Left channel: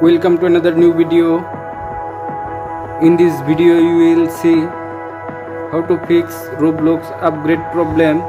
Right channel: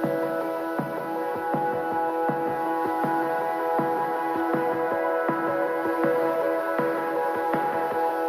Welcome to another new video. In this video you will see how to fix Roblox upgrade problem.